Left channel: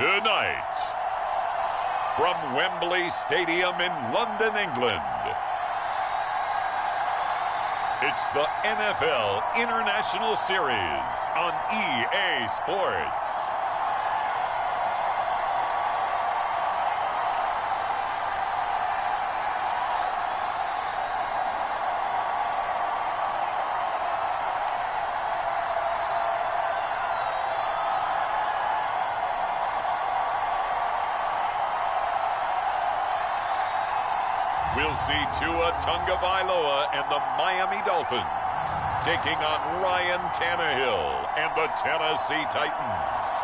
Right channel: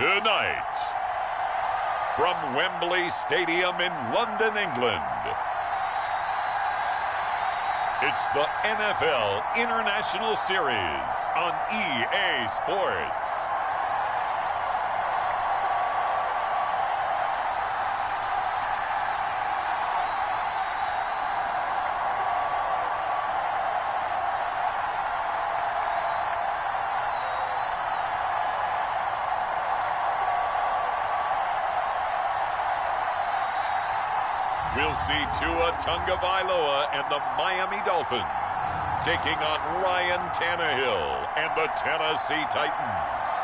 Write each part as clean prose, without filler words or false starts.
Tonight, from Wembley Stadium in London, England, it's the NFL International Series on EA Sports. We'll see Tua Tagovailoa and the Miami Dolphins taking on Ryan Tannehill and the Tennessee Titans.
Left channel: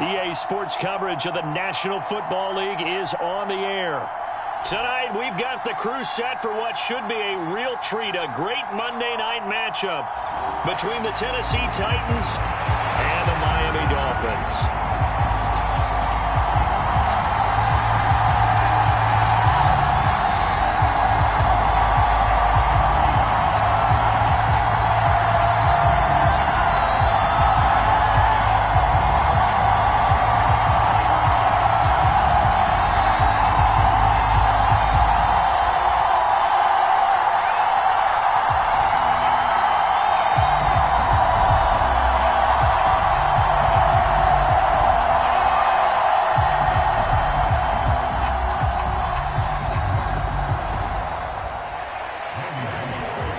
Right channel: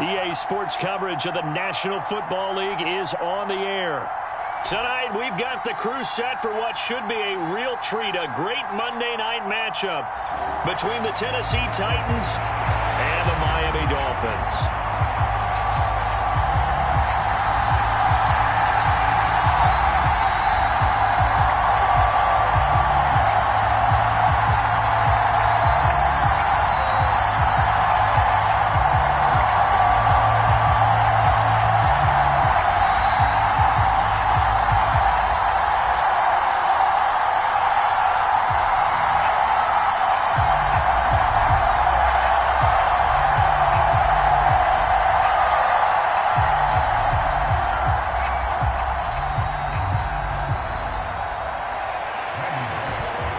EA Sports coverage of the National Football League is on the air. Tonight, we've got the crew set for what should be a real treat, a great Monday night matchup between the Tennessee Titans and the Miami Dolphins.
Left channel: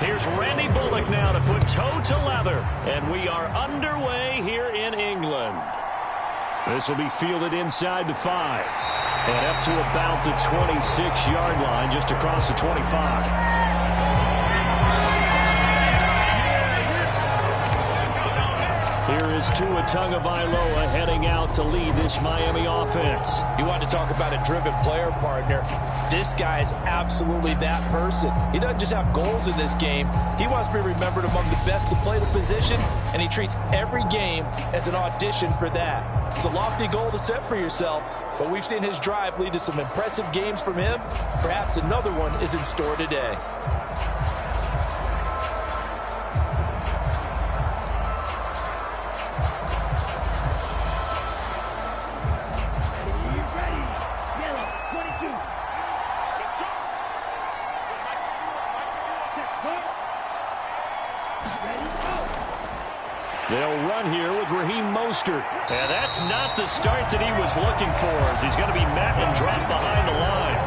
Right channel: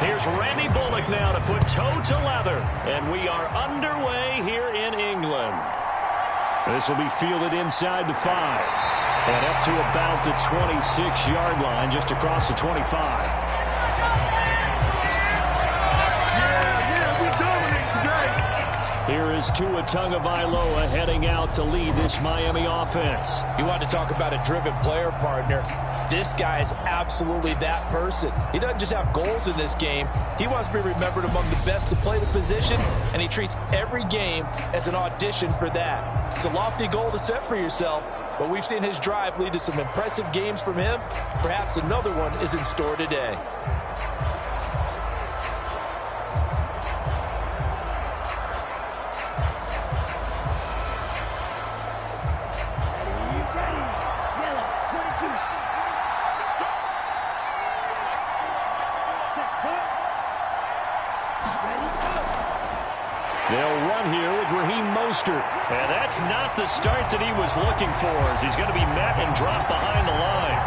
Here's Randy Bullock now to put toe to leather. And we are underway here in England. This will be fielded inside the 5. And up to about the 26-yard line, just across the 25. Here is Tua Tagovailoa heading out to lead this Miami offense. You want to talk about a driven player, partner. This guy is absolutely that person. He doesn't just have goals in this game. He wants to be remembered among the best to play the position, and he treats every game as an audition for that. It's a lofty goal to set for yourself, but we've seen his drive lead to some impressive games from him. Perhaps another one is in store today. They'll run here with Raheem Mostert. And that's not the start that he was looking for, as he's going to be met and dropped behind the line.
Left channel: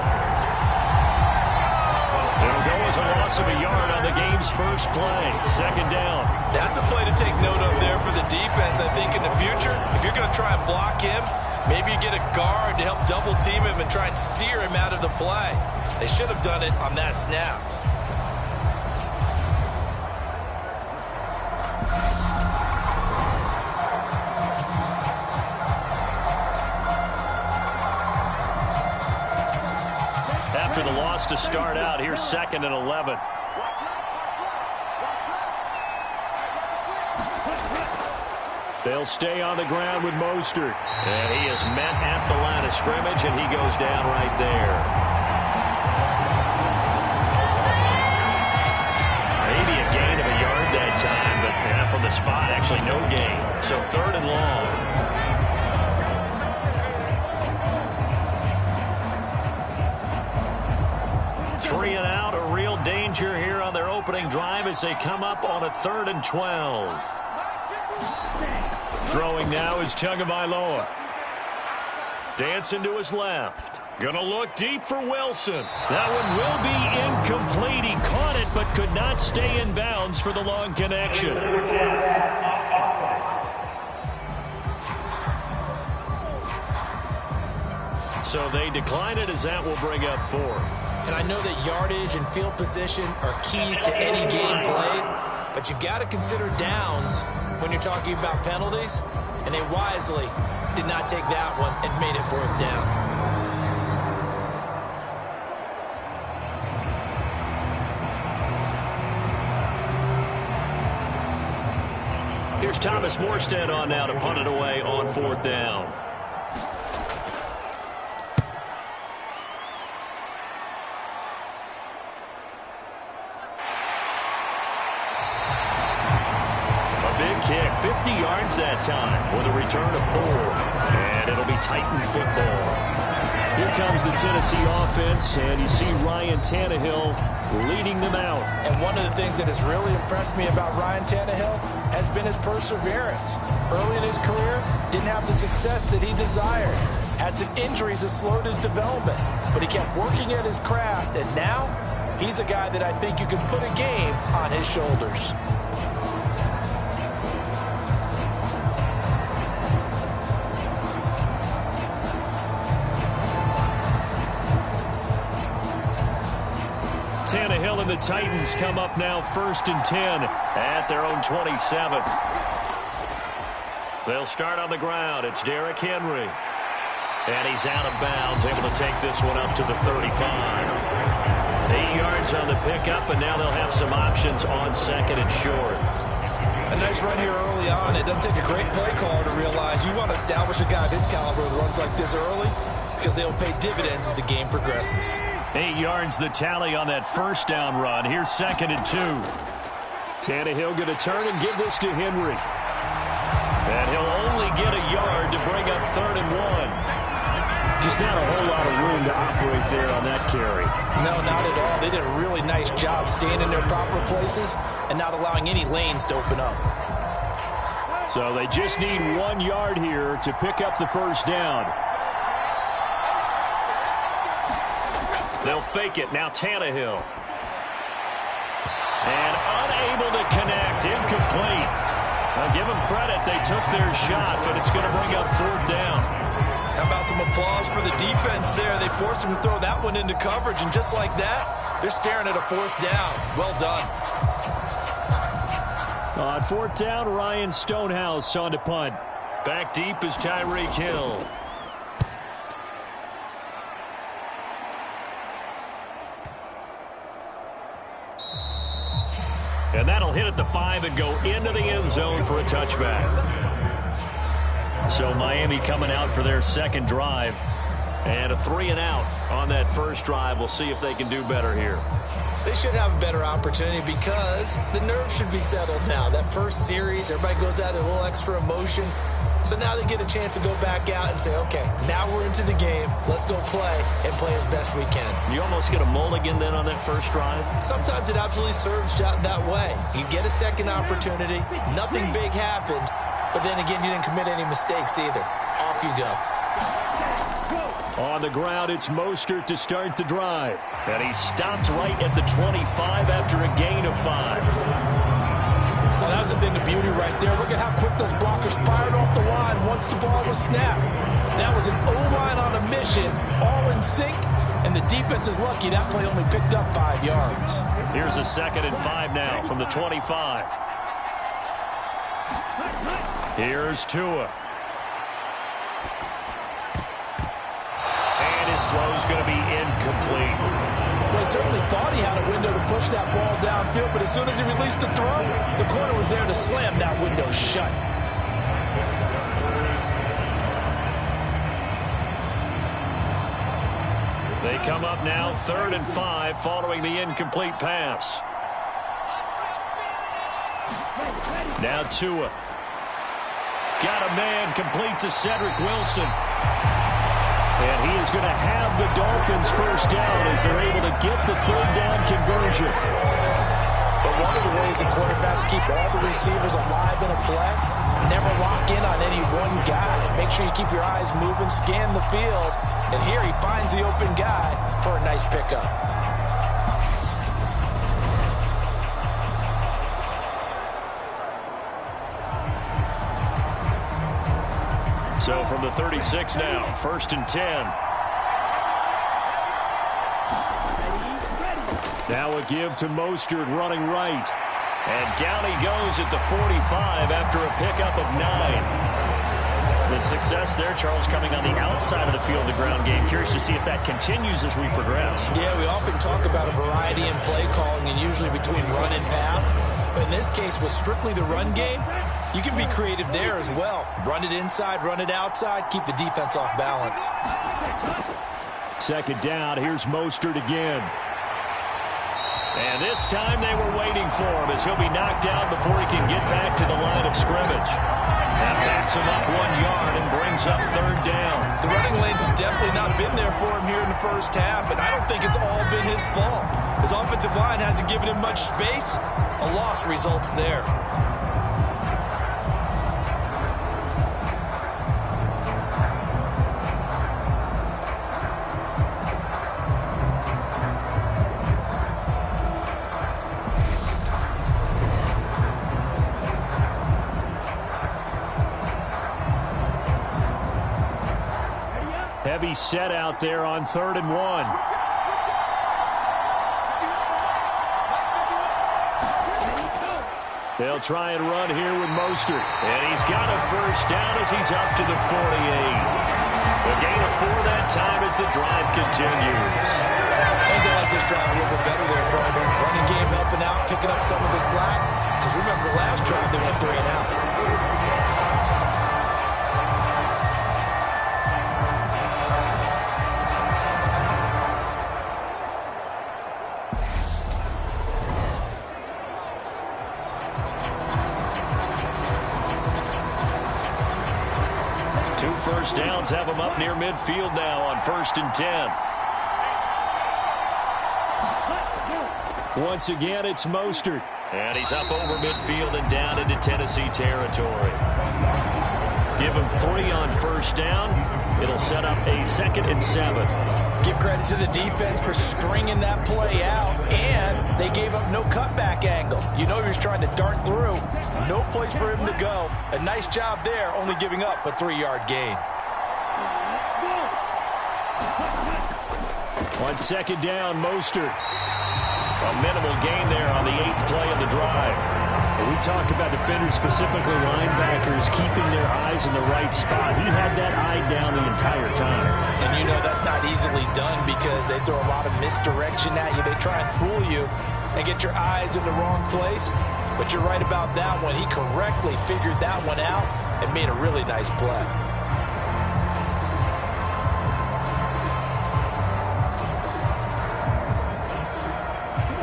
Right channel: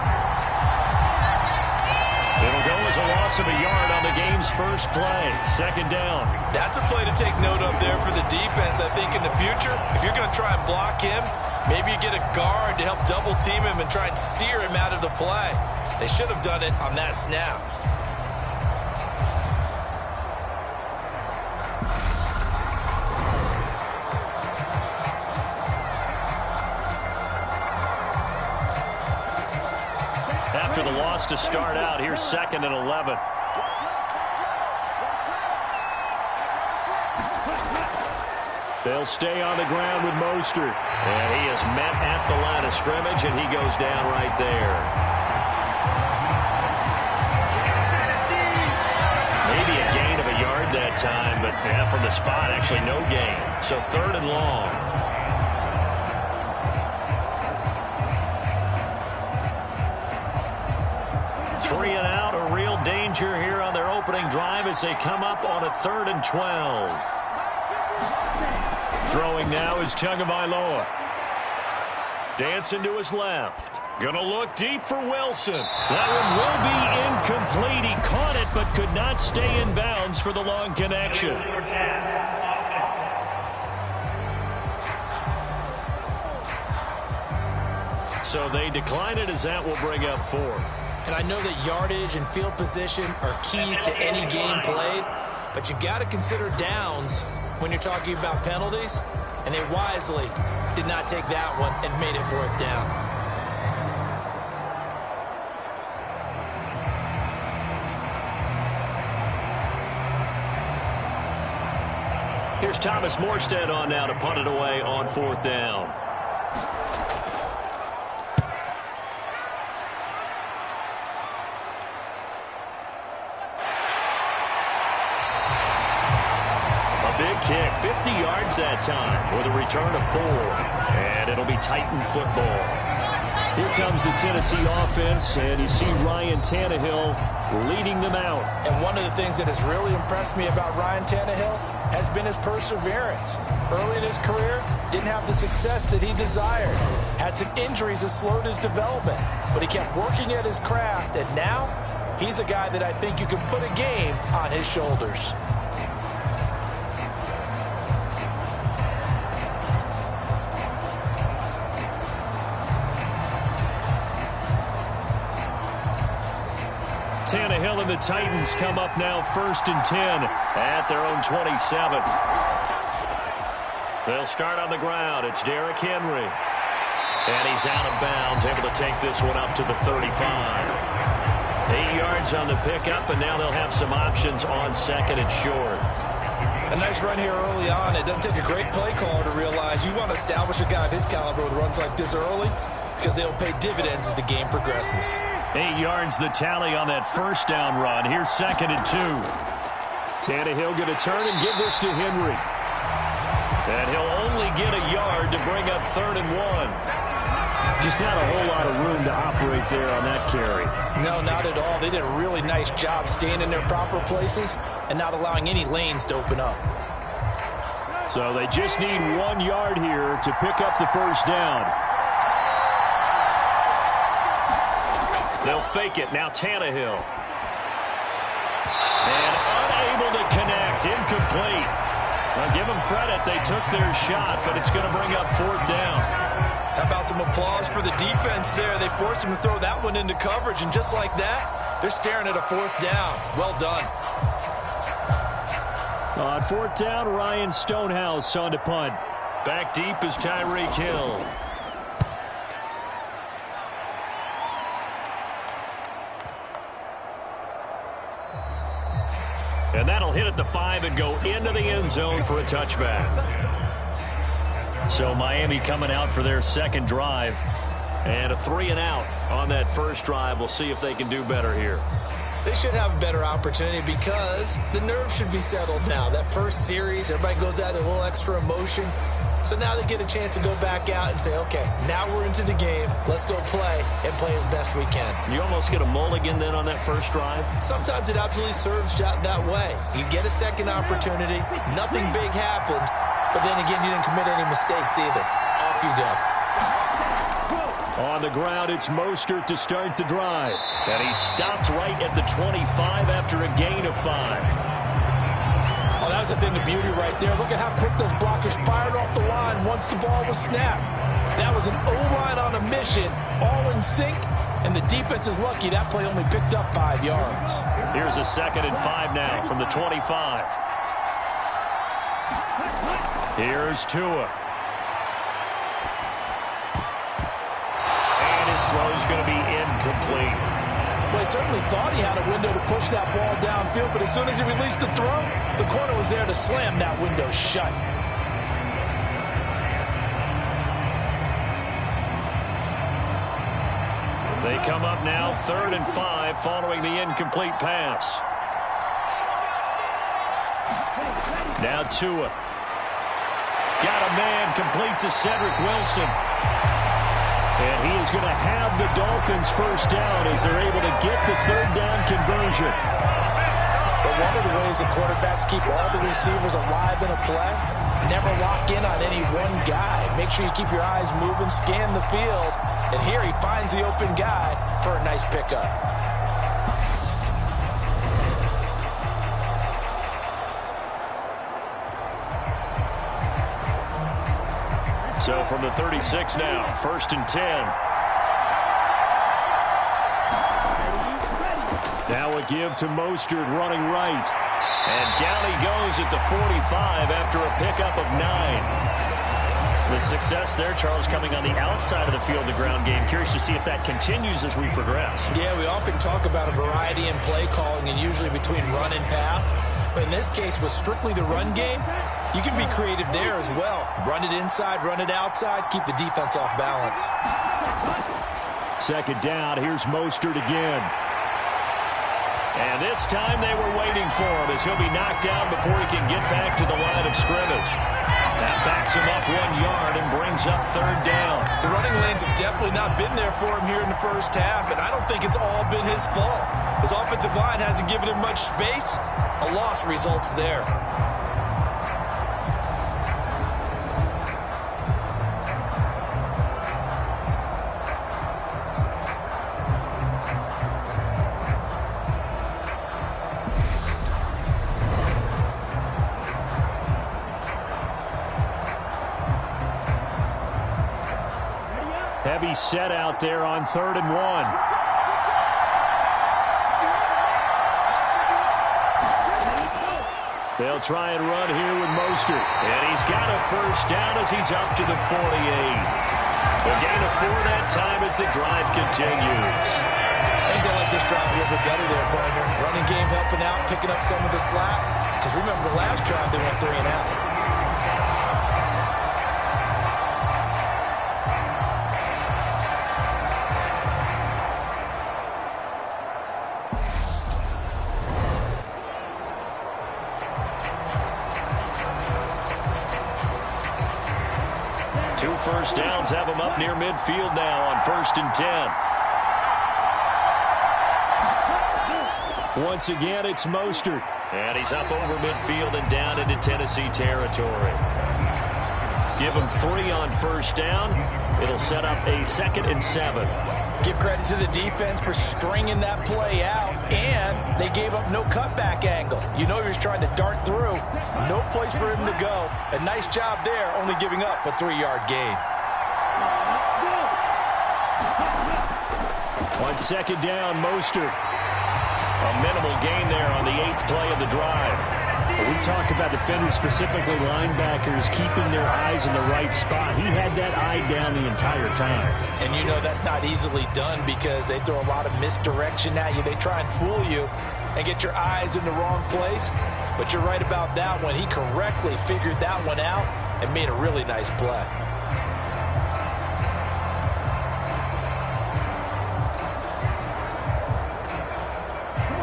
It'll go as a loss of a yard on the game's first play. Second down. That's a play to take note of there for the defense. I think in the future, if you're going to try and block him, maybe you get a guard to help double team him and try and steer him out of the play. They should have done it on that snap. After the loss to start out, here's 2nd and 11. They'll stay on the ground with Mostert. And he is met at the line of scrimmage, and he goes down right there. Maybe a gain of a yard that time, but from the spot, actually no gain. So 3rd and long. 3 and out, a real danger here on their opening drive as they come up on a 3rd and 12. Throwing now is Tagovailoa. Dancing to his left. Gonna look deep for Wilson. That one will be incomplete. He caught it but could not stay in bounds for the long connection. So they decline it as that will bring up 4th. And I know that yardage and field position are keys to any game played, but you've got to consider downs when you're talking about penalties, and they wisely did not take that one and made it 4th down. Here's Thomas Morstead on now to punt it away on 4th down. big kick, 50 yards that time with a return of 4. And it'll be Titan football. Here comes the Tennessee offense, and you see Ryan Tannehill leading them out. And one of the things that has really impressed me about Ryan Tannehill has been his perseverance. Early in his career, didn't have the success that he desired. Had some injuries that slowed his development, but he kept working at his craft, and now he's a guy that I think you can put a game on his shoulders. Tannehill and the Titans come up now 1st and 10 at their own 27. They'll start on the ground. It's Derrick Henry. And he's out of bounds, able to take this one up to the 35. 8 yards on the pickup, and now they'll have some options on 2nd and short. A nice run here early on. It doesn't take a great play caller to realize you want to establish a guy of his caliber with runs like this early, because they'll pay dividends as the game progresses. 8 yards the tally on that first down run. Here's 2nd and 2. Tannehill going to turn and give this to Henry. And he'll only get a yard to bring up 3rd and 1. Just not a whole lot of room to operate there on that carry. No, not at all. They did a really nice job staying in their proper places and not allowing any lanes to open up. So they just need 1 yard here to pick up the first down. They'll fake it. Now Tannehill. And unable to connect. Incomplete. Now give them credit. They took their shot, but it's going to bring up 4th down. How about some applause for the defense there? They forced him to throw that one into coverage, and just like that, they're staring at a 4th down. Well done. On 4th down, Ryan Stonehouse on to punt. Back deep is Tyreek Hill. And that'll hit at the 5 and go into the end zone for a touchback. So Miami coming out for their second drive. And a 3 and out on that first drive. We'll see if they can do better here. They should have a better opportunity because the nerves should be settled now. That first series, everybody goes out with a little extra emotion. So now they get a chance to go back out and say, okay, now we're into the game. Let's go play and play as best we can. You almost get a mulligan then on that first drive? Sometimes it absolutely serves that way. You get a second opportunity. Nothing big happened. But then again, you didn't commit any mistakes either. Off you go. On the ground, it's Mostert to start the drive. And he stopped right at the 25 after a gain of 5. Oh, that was a thing of beauty right there. Look at how quick those blockers fired off the line once the ball was snapped. That was an O-line on a mission, all in sync, and the defense is lucky that play only picked up 5 yards. Here's a 2nd and 5 now from the 25. Here's Tua. And his throw's going to be incomplete. Well, he certainly thought he had a window to push that ball downfield, but as soon as he released the throw, the corner was there to slam that window shut. They come up now 3rd and 5 following the incomplete pass. Now Tua. Got a man complete to Cedric Wilson. And he is going to have the Dolphins first down as they're able to get the 3rd down conversion. But one of the ways that quarterbacks keep all the receivers alive in a play, never lock in on any one guy. Make sure you keep your eyes moving, scan the field. And here he finds the open guy for a nice pickup. So from the 36 now, 1st and 10. Now a give to Mostert running right. And down he goes at the 45 after a pickup of 9. The success there, Charles, coming on the outside of the field, the ground game. Curious to see if that continues as we progress. Yeah, we often talk about a variety in play calling and usually between run and pass. But in this case, with strictly the run game, you can be creative there as well. Run it inside, run it outside, keep the defense off balance. 2nd down, here's Mostert again. And this time they were waiting for him as he'll be knocked down before he can get back to the line of scrimmage. That backs him up 1 yard and brings up third down. The running lanes have definitely not been there for him here in the first half, and I don't think it's all been his fault. His offensive line hasn't given him much space. A loss results there. Heavy set out there on 3rd and 1. They'll try and run here with Mostert. And he's got a first down as he's up to the 48. A gain of 4 that time as the drive continues. I think they like this drive a little bit better there, partner. Running game helping out, picking up some of the slack. Because remember, the last drive they went 3 and out. Two first downs have him up near midfield now on 1st and 10. Once again, it's Mostert. And he's up over midfield and down into Tennessee territory. Give him 3 on first down. It'll set up a 2nd and 7. Give credit to the defense for stringing that play out, and they gave up no cutback angle. You know he was trying to dart through. No place for him to go. A nice job there, only giving up a 3-yard gain. On 2nd down, Mostert. A minimal gain there on the 8th play of the drive. When we talk about defenders, specifically linebackers, keeping their eyes in the right spot, he had that eye down the entire time. And you know that's not easily done because they throw a lot of misdirection at you. They try and fool you and get your eyes in the wrong place. But you're right about that one. He correctly figured that one out and made a really nice play.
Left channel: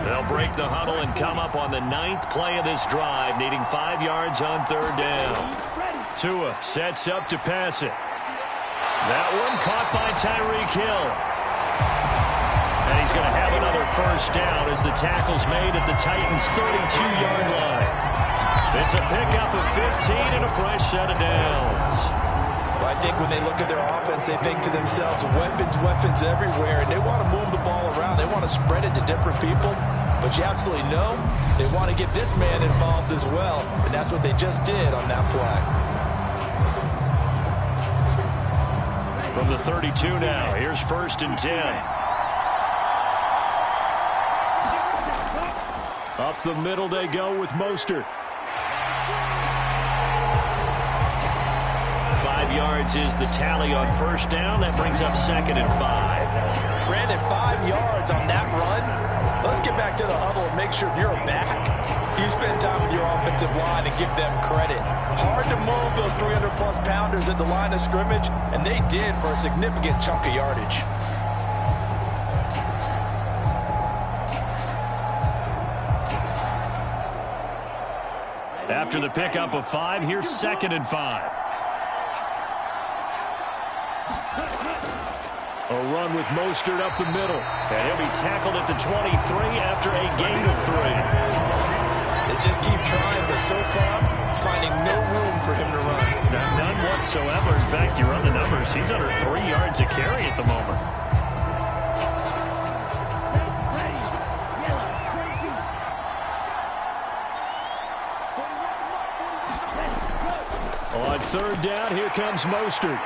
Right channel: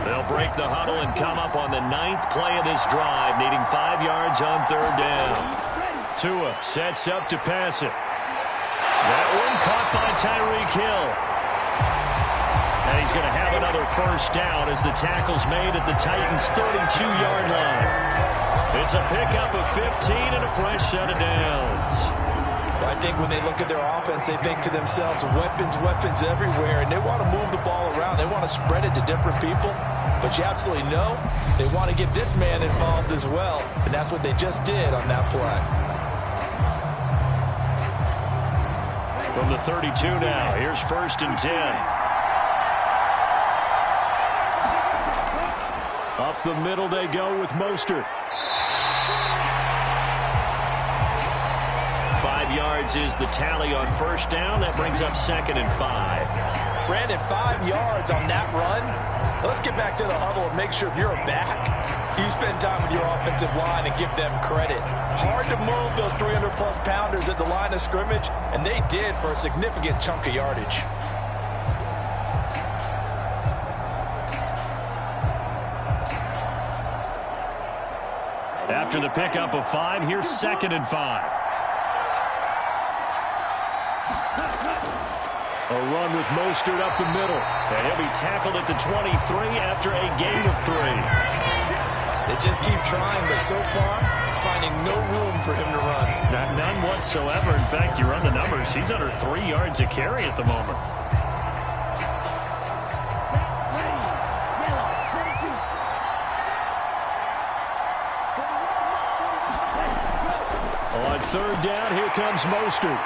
They'll break the huddle and come up on the 9th play of this drive, needing 5 yards on 3rd down. Tua sets up to pass it. That one caught by Tyreek Hill. And he's going to have another first down as the tackle's made at the Titans' 32-yard line. It's a pickup of 15 and a fresh set of downs. Well, I think when they look at their offense, they think to themselves, weapons, weapons everywhere, and they want to move the ball around. They want to spread it to different people. But you absolutely know they want to get this man involved as well, and that's what they just did on that play. From the 32 now, here's 1st and 10. Up the middle they go with Mostert. 5 yards is the tally on first down. That brings up 2nd and 5. Brandon, 5 yards on that run. Let's get back to the huddle and make sure if you're a back, you spend time with your offensive line and give them credit. Hard to move those 300-plus pounders at the line of scrimmage, and they did for a significant chunk of yardage. After the pickup of 5, here's 2nd and 5. A run with Mostert up the middle. And he'll be tackled at the 23 after a gain of 3. They just keep trying, but so far, finding no room for him to run. None whatsoever. In fact, you run the numbers. He's under 3 yards a carry at the moment. On 3rd down, here comes Mostert.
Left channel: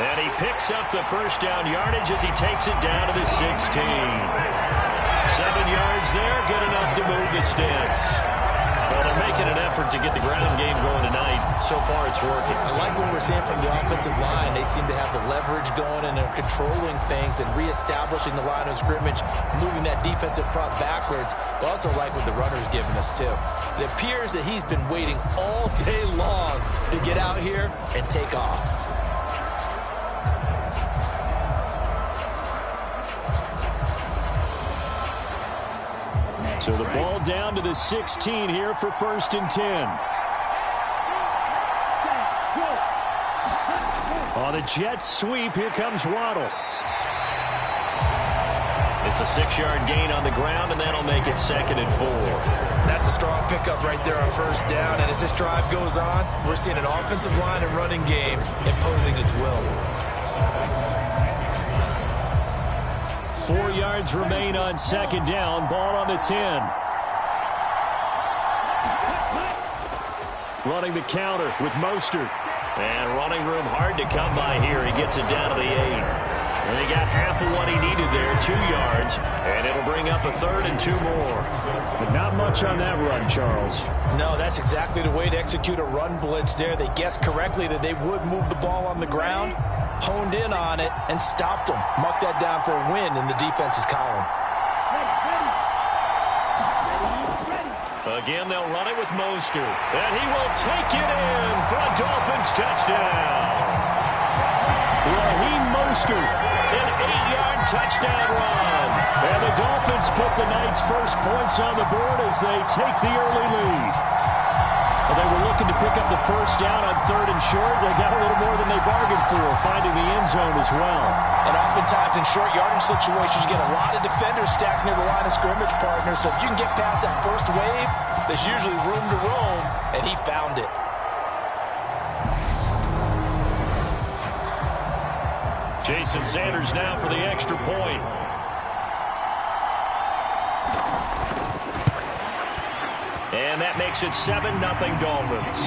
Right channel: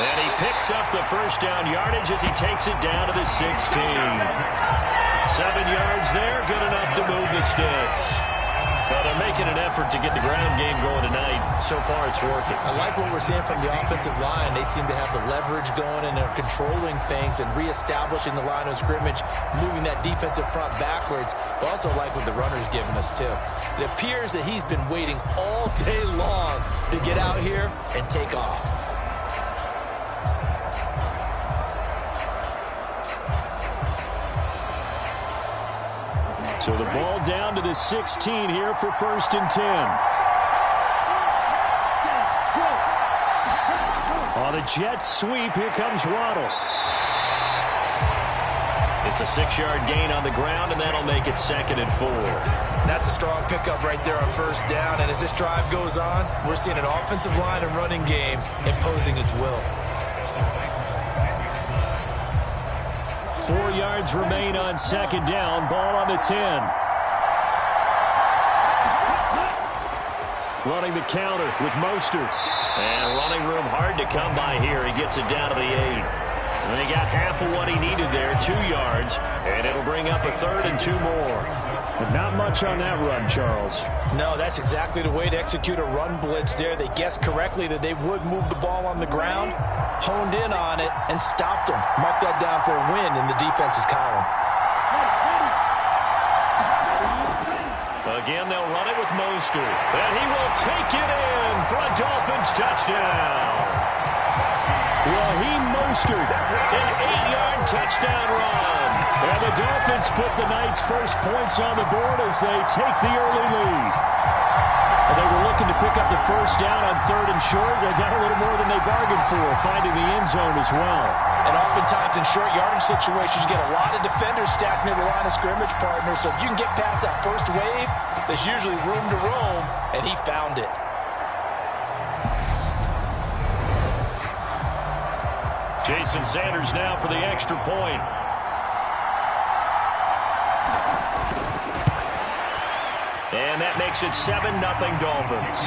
And he picks up the first down yardage as he takes it down to the 16. 7 yards there, good enough to move the sticks. Well, they're making an effort to get the ground game going tonight. So far, it's working. I like what we're seeing from the offensive line. They seem to have the leverage going and are controlling things and reestablishing the line of scrimmage, moving that defensive front backwards, but also like what the runner's giving us, too. It appears that he's been waiting all day long to get out here and take off. So the ball down to the 16 here for 1st and 10. On the Jets sweep, here comes Waddle. It's a 6-yard gain on the ground, and that'll make it 2nd and 4. That's a strong pickup right there on 1st down. And as this drive goes on, we're seeing an offensive line and running game imposing its will. 4 yards remain on 2nd down. Ball on the 10. Running the counter with Mostert. And running room hard to come by here. He gets it down to the 8. And he got half of what he needed there, 2 yards. And it'll bring up a 3rd and 2 more. But not much on that run, Charles. No, that's exactly the way to execute a run blitz there. They guessed correctly that they would move the ball on the ground, honed in on it, and stopped them. Mark that down for a win in the defense's column. Again, they'll run it with Mostert. And he will take it in for a Dolphins touchdown. Raheem Mostert, an 8-yard touchdown run. And the Dolphins put the Knights' first points on the board as they take the early lead. Well, they were looking to pick up the 1st down on 3rd and short. They got a little more than they bargained for, finding the end zone as well. And oftentimes in short yardage situations, you get a lot of defenders stacked near the line of scrimmage, partner. So if you can get past that first wave, there's usually room to roam, and he found it. Jason Sanders now for the extra point. And that makes it 7-0 Dolphins.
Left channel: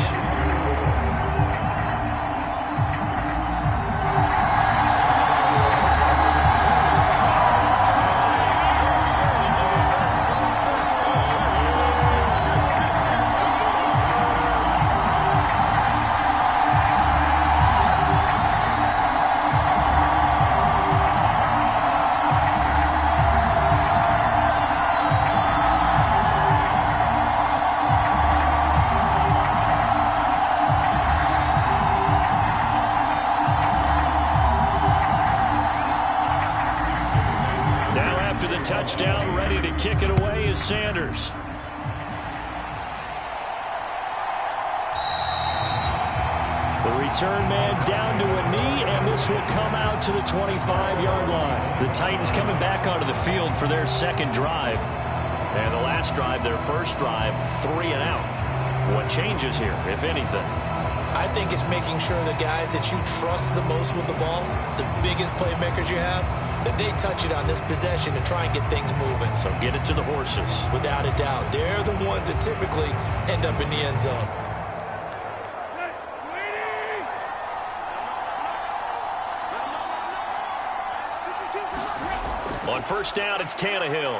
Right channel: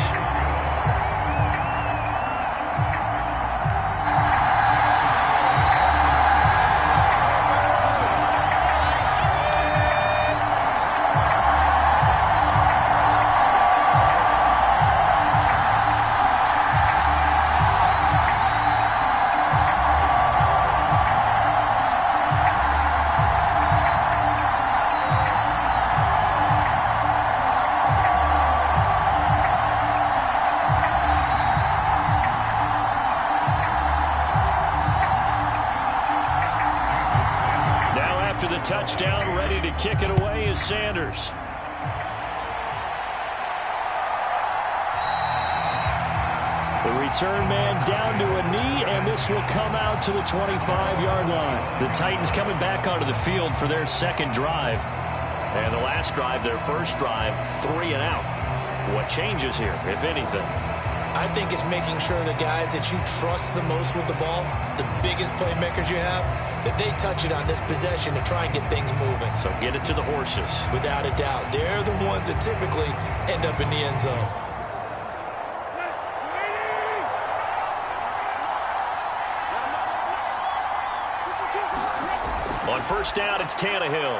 The touchdown, ready to kick it away is Sanders. The return man down to a knee, and this will come out to the 25-yard line. The Titans coming back onto the field for their 2nd drive. And the last drive, their 1st drive, 3 and out. What changes here, if anything? I think it's making sure the guys that you trust the most with the ball, the biggest playmakers you have, that they touch it on this possession to try and get things moving. So get it to the horses. Without a doubt. They're the ones that typically end up in the end zone. On 1st down, it's Tannehill.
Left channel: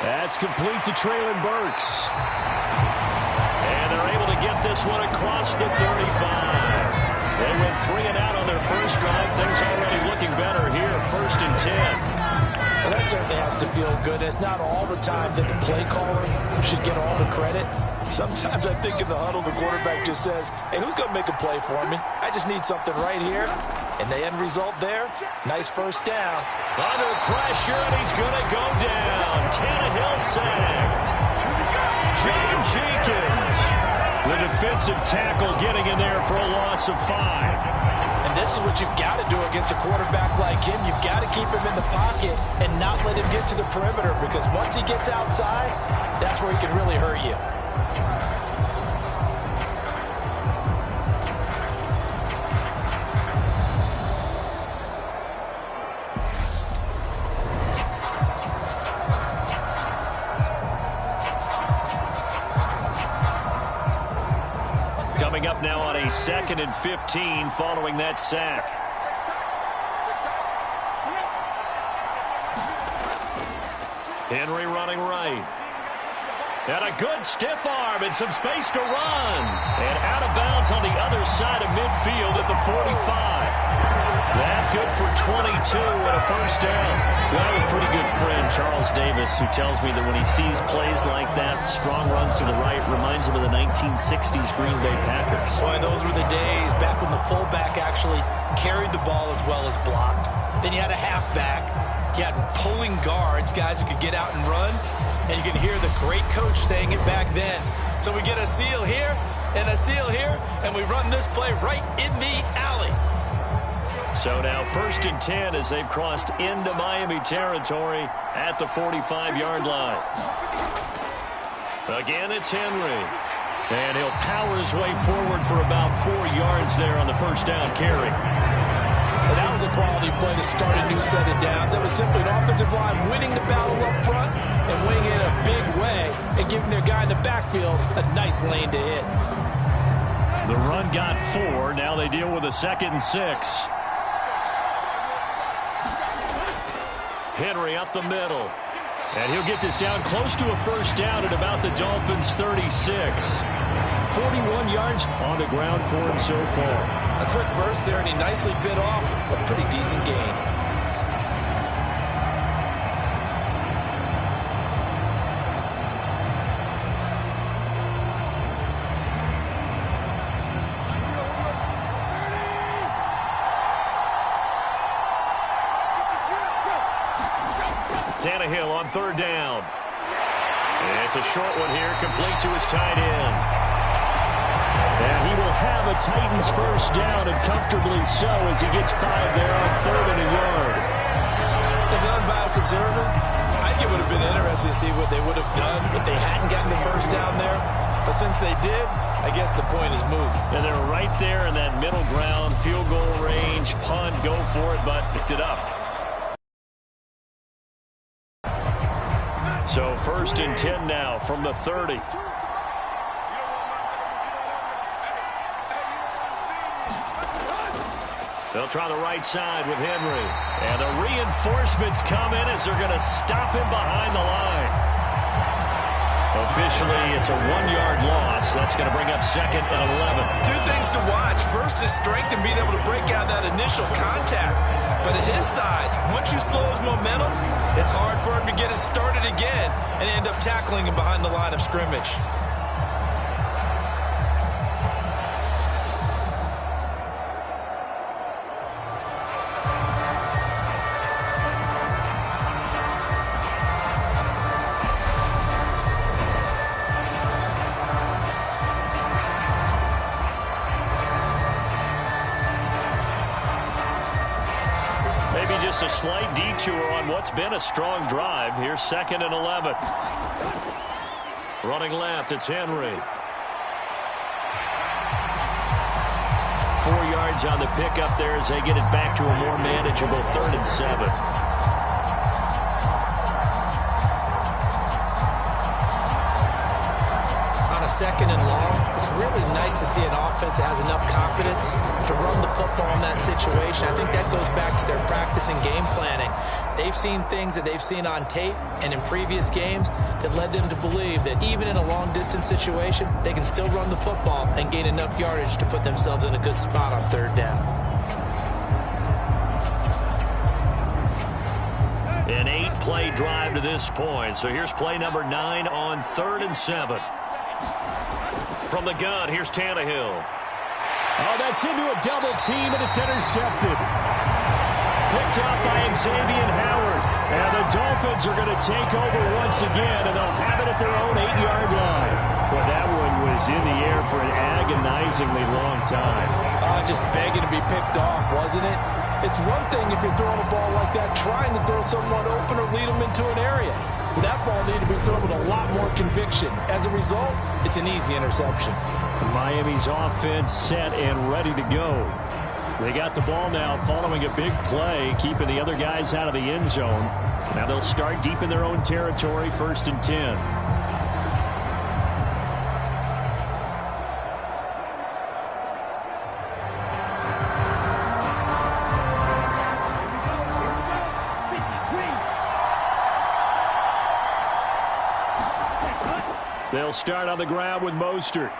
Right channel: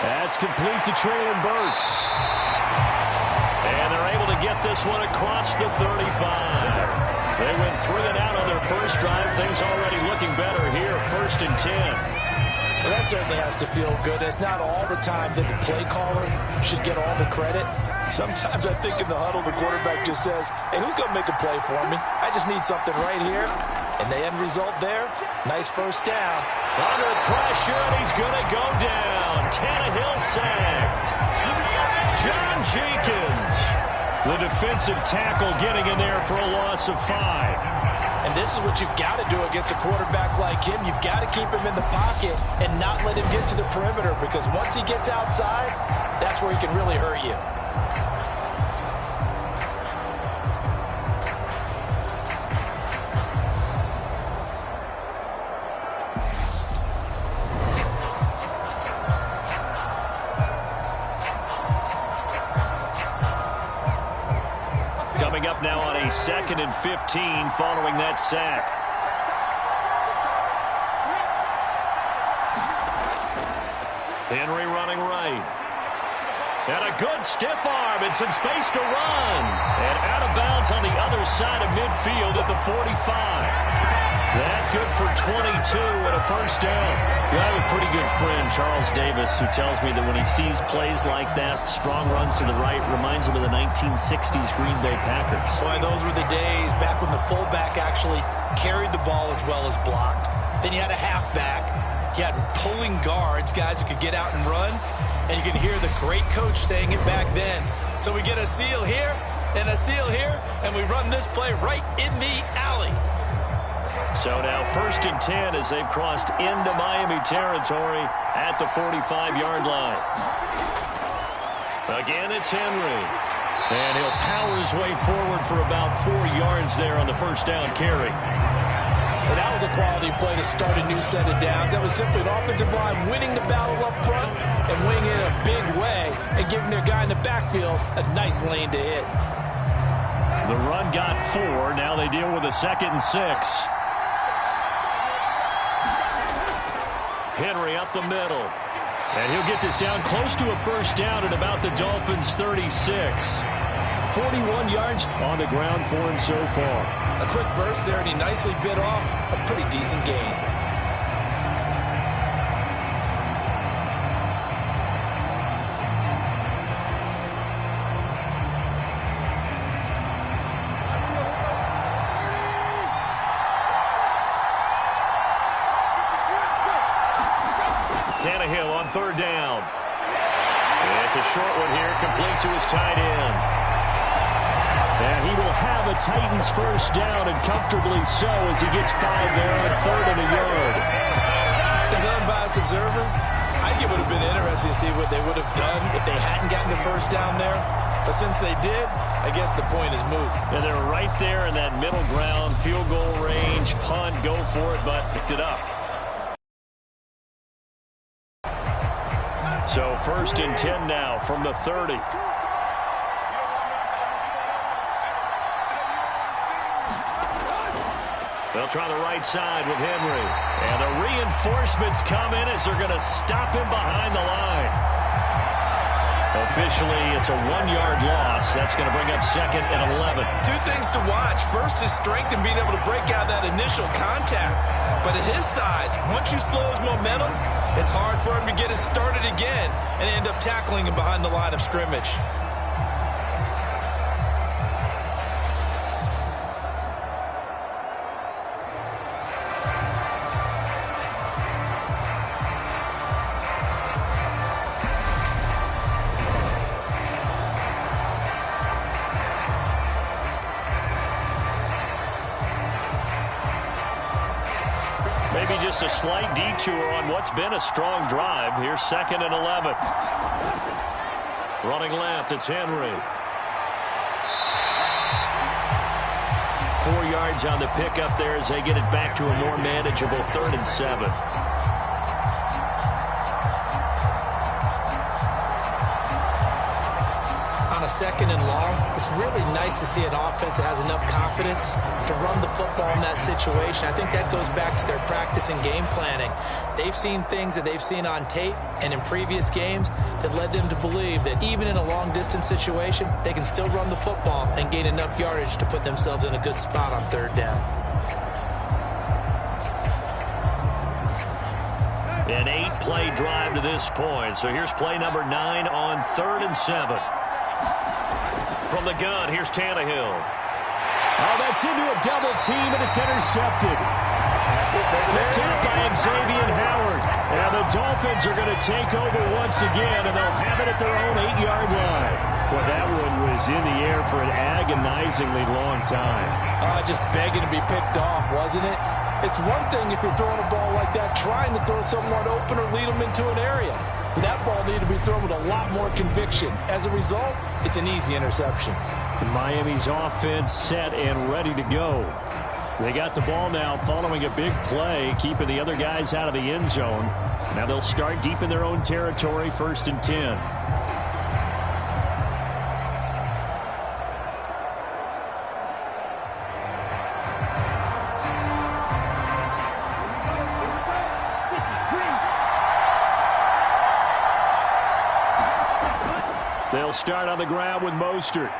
That's complete to Treylon Burks. And they're able to get this one across the 35. They went 3 and out on their 1st drive. Things already looking better here. 1st and 10. Well, that certainly has to feel good. It's not all the time that the play caller should get all the credit. Sometimes I think in the huddle, the quarterback just says, hey, who's going to make a play for me? I just need something right here. And the end result there, nice 1st down. Under pressure, and he's going to go down. Tannehill sacked. John Jenkins, the defensive tackle, getting in there for a loss of 5. And this is what you've got to do against a quarterback like him. You've got to keep him in the pocket and not let him get to the perimeter, because once he gets outside, that's where he can really hurt you. Coming up now on a 2nd and 15 following that sack. Henry running right. And a good stiff arm and some space to run. And out of bounds on the other side of midfield at the 45. That good for 22 and a 1st down. I have a pretty good friend, Charles Davis, who tells me that when he sees plays like that, strong runs to the right, reminds him of the 1960s Green Bay Packers. Boy, those were the days back when the fullback actually carried the ball as well as blocked. Then you had a halfback. You had pulling guards, guys who could get out and run. And you can hear the great coach saying it back then. So we get a seal here and a seal here, and we run this play right in the alley. So now 1st and 10 as they've crossed into Miami territory at the 45-yard line. Again, it's Henry. And he'll power his way forward for about 4 yards there on the first down carry. And that was a quality play to start a new set of downs. That was simply an offensive line winning the battle up front and winning it in a big way and giving their guy in the backfield a nice lane to hit. The run got 4. Now they deal with a 2nd and 6. Henry up the middle. And he'll get this down close to a first down at about the Dolphins' 36. 41 yards on the ground for him so far. A quick burst there, and he nicely bit off a pretty decent gain. Tannehill on 3rd down. It's a short one here, complete to his tight end. And he will have a Titans first down, and comfortably so, as he gets 5 there on 3rd and a yard. As an unbiased observer, I think it would have been interesting to see what they would have done if they hadn't gotten the first down there. But since they did, I guess the point is moot. And they're right there in that middle ground, field goal range, punt, go for it, but picked it up. So 1st and 10 now from the 30. They'll try the right side with Henry. And the reinforcements come in as they're going to stop him behind the line. Officially, it's a 1-yard loss. That's going to bring up 2nd and 11. 2 things to watch. First is strength and being able to break out that initial contact. But at his size, once you slow his momentum, it's hard for him to get it started again and end up tackling him behind the line of scrimmage. Maybe just a slight detour on what's been a strong drive. Here's 2nd and 11. Running left, it's Henry. 4 yards on the pickup there as they get it back to a more manageable 3rd and 7. On a 2nd and long, it's really nice to see an offense that has enough confidence to run the football in that situation. I think that goes back to their practice and game planning. They've seen things that they've seen on tape and in previous games that led them to believe that even in a long-distance situation, they can still run the football and gain enough yardage to put themselves in a good spot on 3rd down. An 8-play drive to this point. So here's play number 9 on 3rd and 7. From the gun, here's Tannehill. Oh, that's into a double team, and it's intercepted. Picked up by Xavier Howard. And the Dolphins are going to take over once again, and they'll have it at their own 8-yard line. Well, that one was in the air for an agonizingly long time. Just begging to be picked off, wasn't it? It's one thing if you're throwing a ball like that, trying to throw someone open or lead them into an area. But that ball needed to be thrown with a lot more conviction. As a result, it's an easy interception. Miami's offense set and ready to go. They got the ball now following a big play, keeping the other guys out of the end zone. Now they'll start deep in their own territory, 1st and 10. They'll start on the ground with Mostert.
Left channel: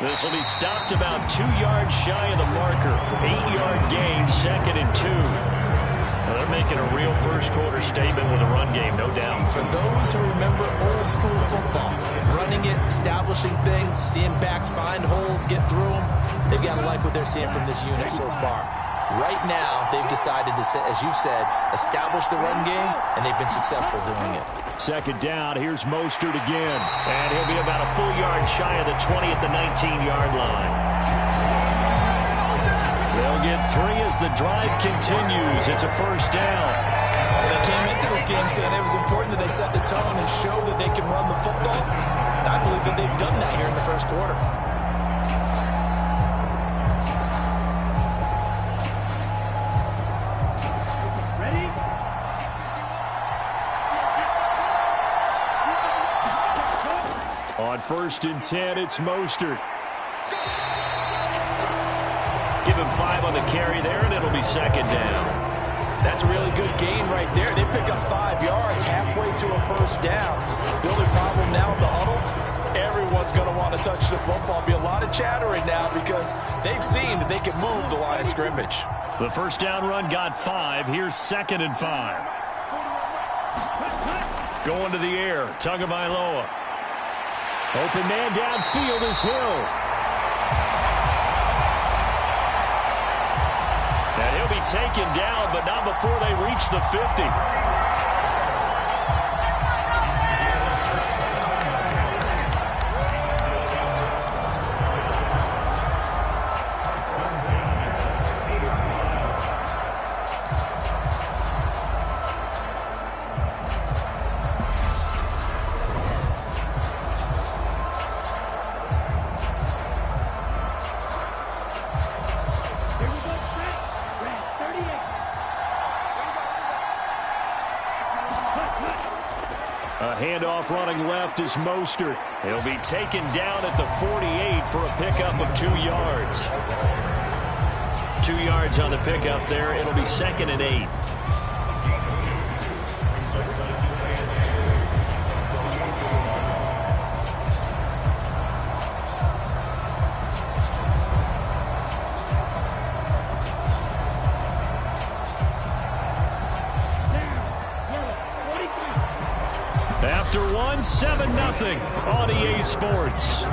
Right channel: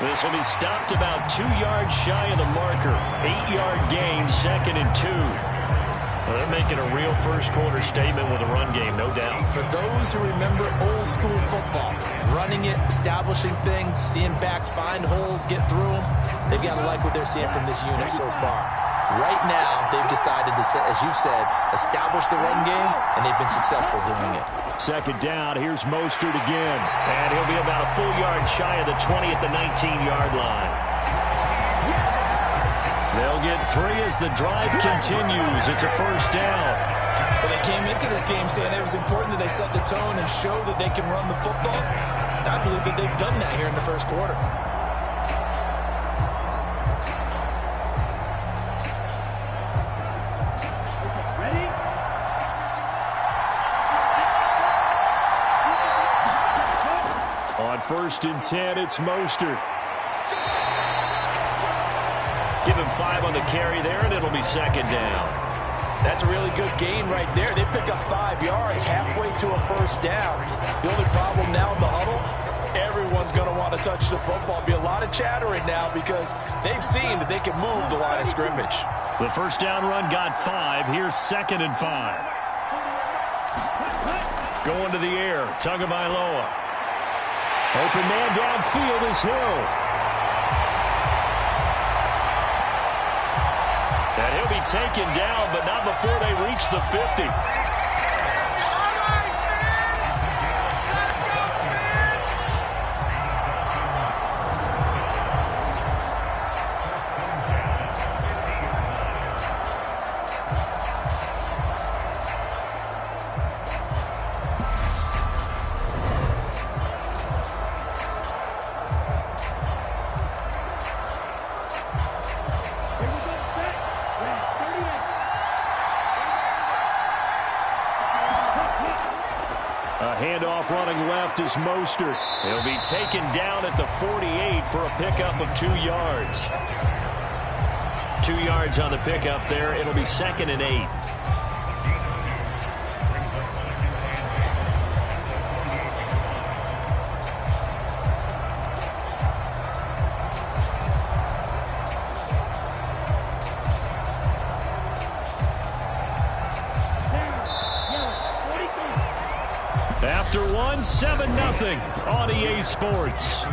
This will be stopped about 2 yards shy of the marker. 8-yard gain, 2nd and 2. Well, they're making a real first-quarter statement with a run game, no doubt. For those who remember old-school football, running it, establishing things, seeing backs find holes, get through them, they've got to like what they're seeing from this unit so far. Right now, they've decided to, as you've said, establish the run game, and they've been successful doing it. Second down, here's Mostert again. And he'll be about a full yard shy of the 20 at the 19-yard line. They'll get 3 as the drive continues. It's a first down. Well, they came into this game saying it was important that they set the tone and show that they can run the football. And I believe that they've done that here in the first quarter. On 1st and 10, it's Mostert. Give him 5 on the carry there, and it'll be second down. That's a really good gain right there. They pick up 5 yards halfway to a first down. The only problem now in the huddle, everyone's going to want to touch the football. Be a lot of chattering now because they've seen that they can move the line of scrimmage. The first down run got 5. Here's 2nd and 5. Going to the air, Tagovailoa. Open man downfield is Hill. And he'll be taken down, but not before they reach the 50. Handoff running left is Mostert. He'll be taken down at the 48 for a pickup of 2 yards. 2 yards on the pickup there. It'll be 2nd and 8. After 1, 7-0 on EA Sports.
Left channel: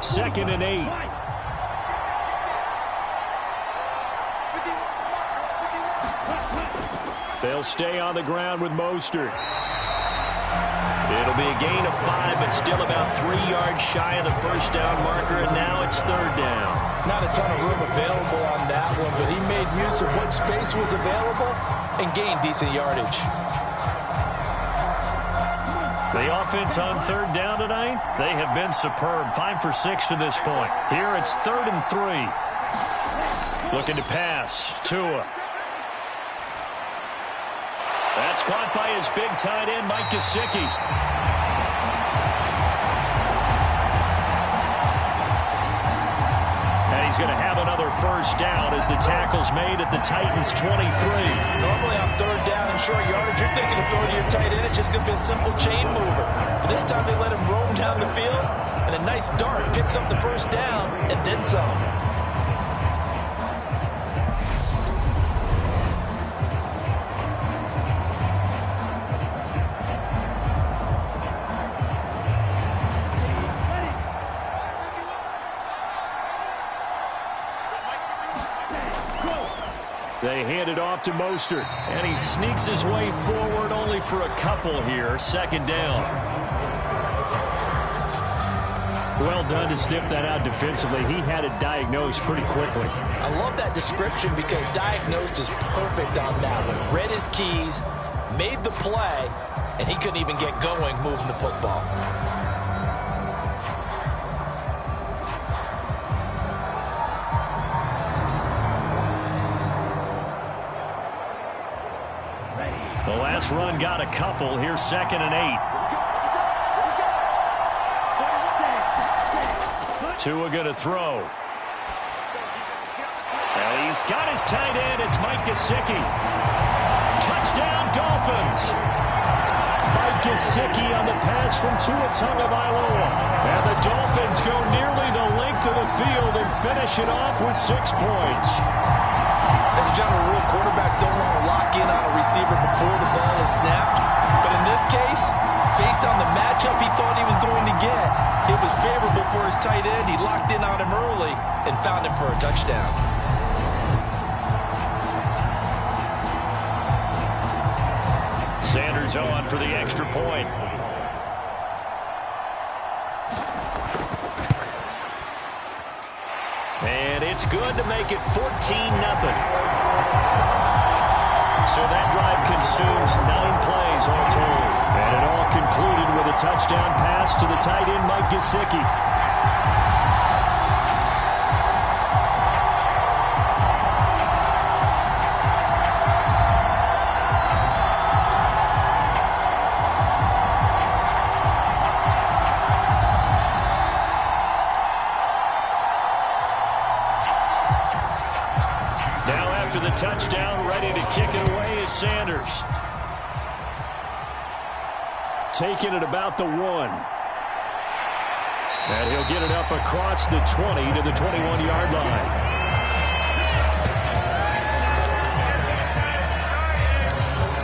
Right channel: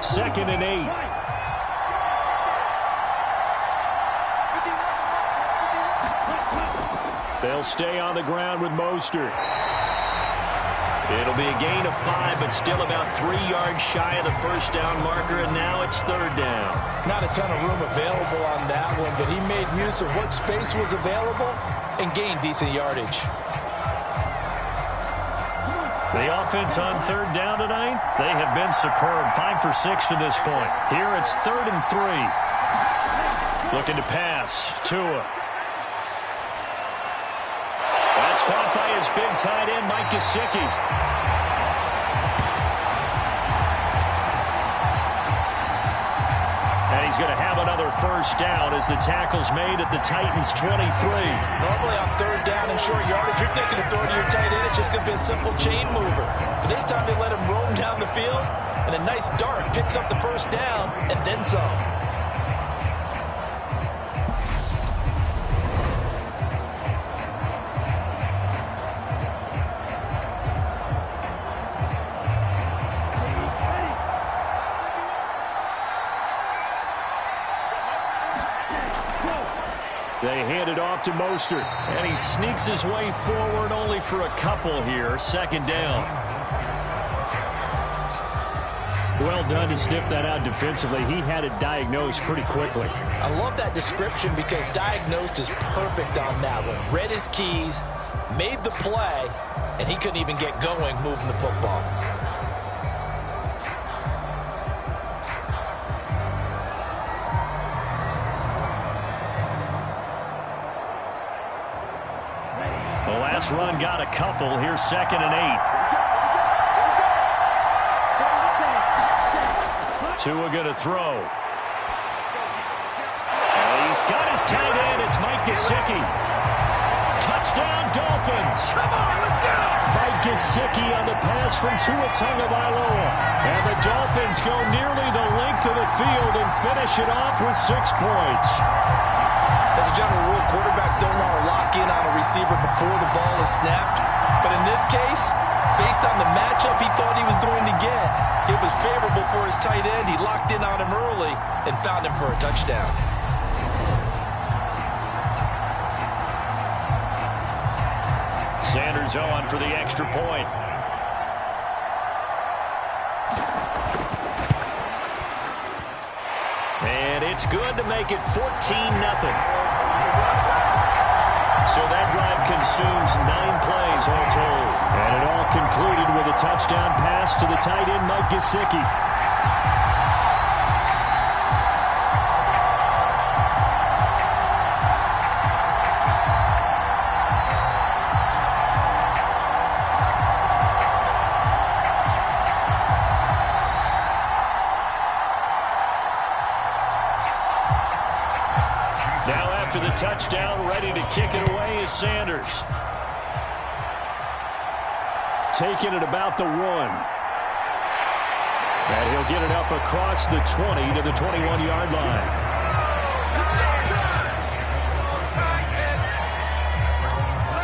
Second and 8. They'll stay on the ground with Mostert. It'll be a gain of 5, but still about 3 yards shy of the first down marker, and now it's 3rd down. Not a ton of room available on that one, but he made use of what space was available and gained decent yardage. The offense on 3rd down tonight, they have been superb. 5 for 6 to this point. Here it's 3rd and 3. Looking to pass. Tua. That's caught by his big tight end, Mike Gesicki. And he's going to have another first down as the tackle's made at the Titans' 23. Normally on 3rd down and short yardage, you're thinking of throwing to your tight end. It's just going to be a simple chain mover. But this time they let him roam down the field, and a nice dart picks up the first down and then some. They hand it off to Mostert, and he sneaks his way forward only for a couple here. 2nd down. Well done to sniff that out defensively. He had it diagnosed pretty quickly. I love that description because diagnosed is perfect on that one. Read his keys, made the play, and he couldn't even get going moving the football. The last run got a couple. Here's 2nd and 8. Tua going to throw. And he's got his tight end. It's Mike Gesicki. Touchdown, Dolphins. Mike Gesicki on the pass from Tua Tagovailoa. And the Dolphins go nearly the length of the field and finish it off with 6 points. As a general rule, quarterbacks don't want to lock in on a receiver before the ball is snapped. But in this case, based on the matchup he thought he was going to get, it was favorable for his tight end. He locked in on him early and found him for a touchdown. Sanders on for the extra point. And it's good to make it 14-0. So that drive consumes 9 plays all told. And it all concluded with a touchdown pass to the tight end, Mike Gesicki. Now after the touchdown, ready to kick it away is Sanders. Taking it about the 1. And he'll get it up across the 20 to the 21-yard line.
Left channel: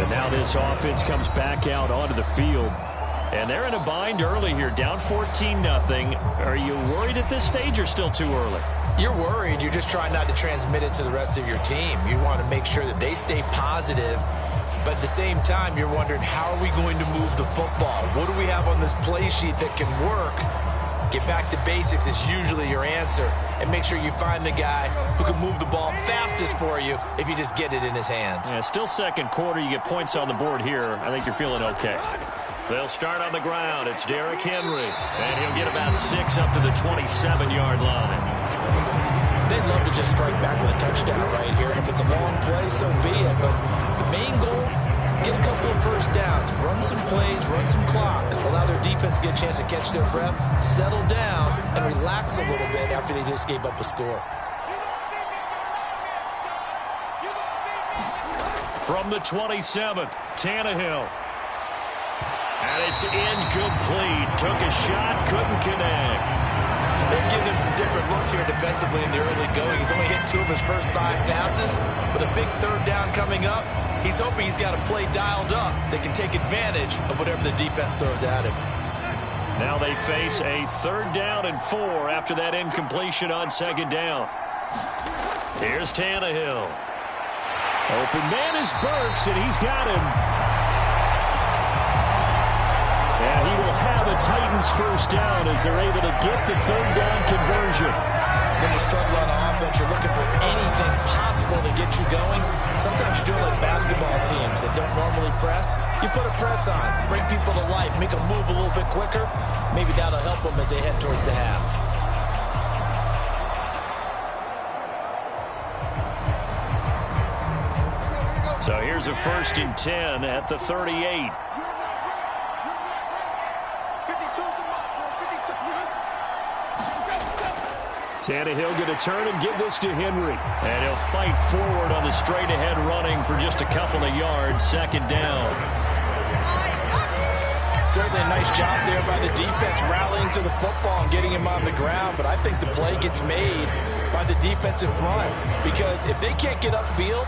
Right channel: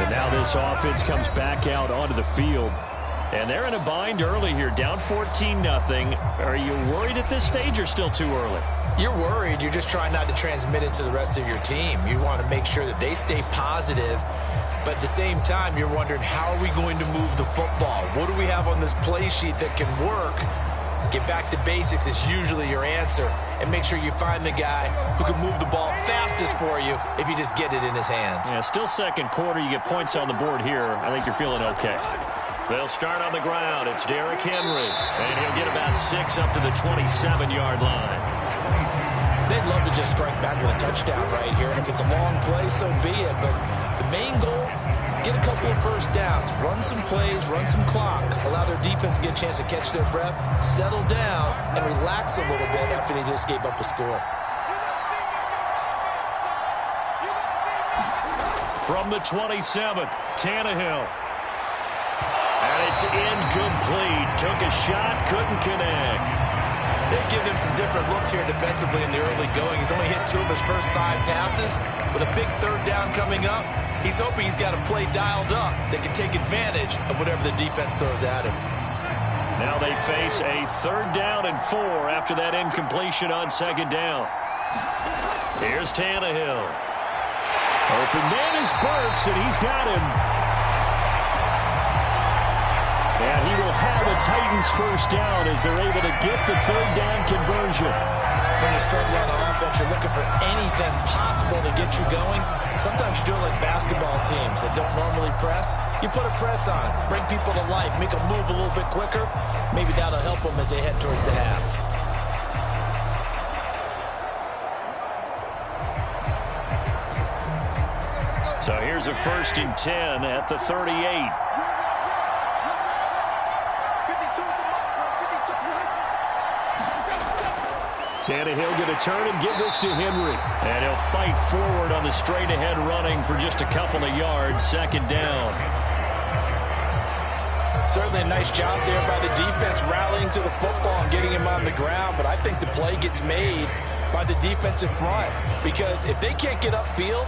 And now this offense comes back out onto the field. And they're in a bind early here, down 14-0. Are you worried at this stage or still too early? You're worried. You're just trying not to transmit it to the rest of your team. You want to make sure that they stay positive. But at the same time, you're wondering, how are we going to move the football? What do we have on this play sheet that can work? Get back to basics is usually your answer. And make sure you find the guy who can move the ball fastest for you if you just get it in his hands. Yeah, still second quarter. You get points on the board here. I think you're feeling okay. They'll start on the ground. It's Derrick Henry. And he'll get about 6 up to the 27-yard line. They'd love to just strike back with a touchdown right here. And if it's a long play, so be it. But the main goal, get a couple of first downs. Run some plays, run some clock. Allow their defense to get a chance to catch their breath, settle down, and relax a little bit after they just gave up a score. From the 27, Tannehill. And it's incomplete. Took a shot, couldn't connect. They've given him some different looks here defensively in the early going. He's only hit 2 of his first 5 passes. With a big third down coming up, he's hoping he's got a play dialed up. They can take advantage of whatever the defense throws at him. Now they face a 3rd down and 4 after that incompletion on 2nd down. Here's Tannehill. Open man is Burks, and he's got him. And he will have a Titans first down as they're able to get the 3rd down conversion. When you struggle on offense, you're looking for anything possible to get you going. Sometimes you do it like basketball teams that don't normally press. You put a press on, bring people to life, make them move a little bit quicker. Maybe that'll help them as they head towards the half. So here's a 1st and 10 at the 38. Tannehill going to turn and give this to Henry. And he'll fight forward on the straight-ahead running for just a couple of yards. 2nd down. Certainly a nice job there by the defense rallying to the football and getting him on the ground. But I think the play gets made by the defensive front. Because if they can't get upfield,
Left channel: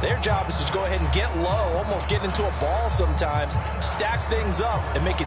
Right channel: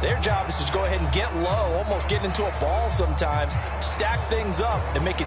their job is to go ahead and get low, almost get into a ball sometimes, stack things up, and make it